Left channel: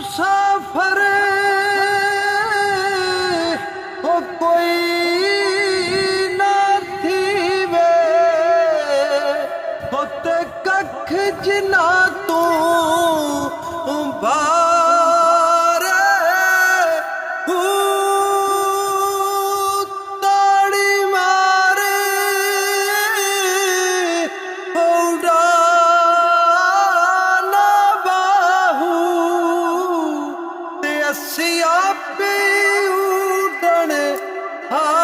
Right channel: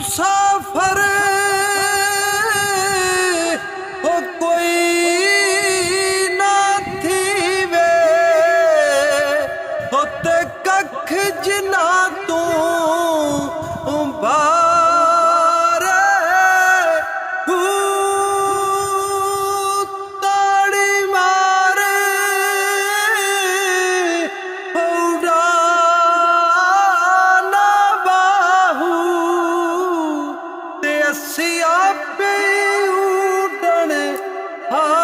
मुसाफिर हो कोई ना थीवे होते कख जिना तू बारे ताड़ी मारे उड़ाना बाहू ते असिया पे उड़न हारे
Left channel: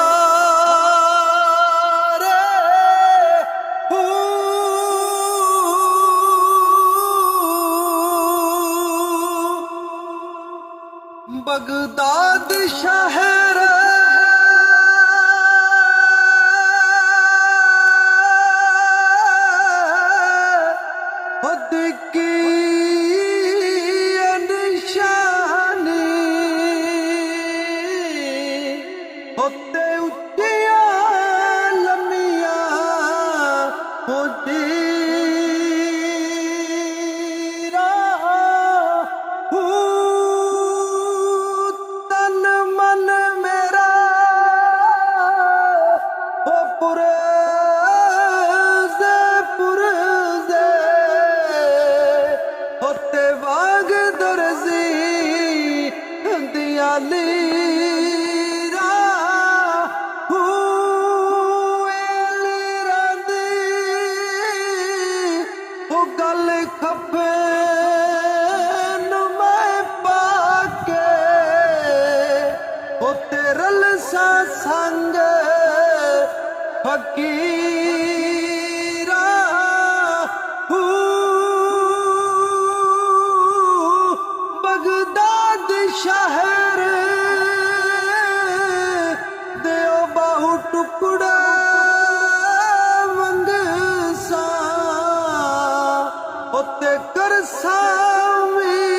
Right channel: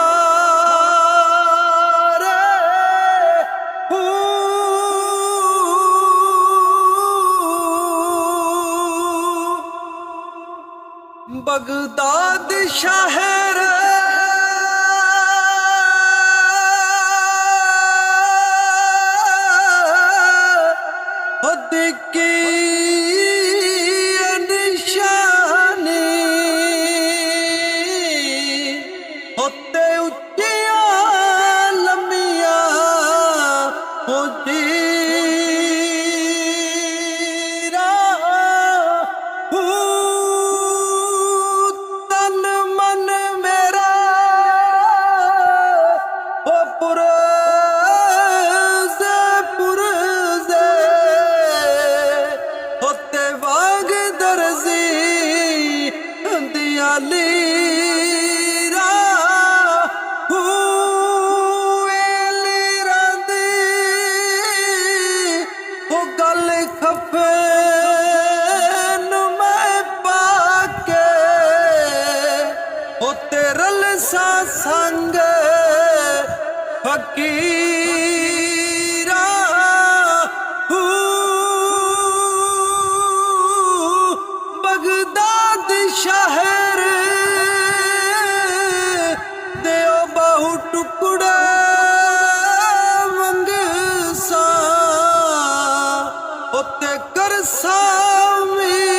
बगदाद शहर खुद की निशानी होते उच्चिया लमिया होती होते बाग दर्जी दियाली गल खपे मैं पाके होते रल सा संग फकीरा बगदाद शहर देओ बाहु टुकड़ा मंगसा होते कर सामी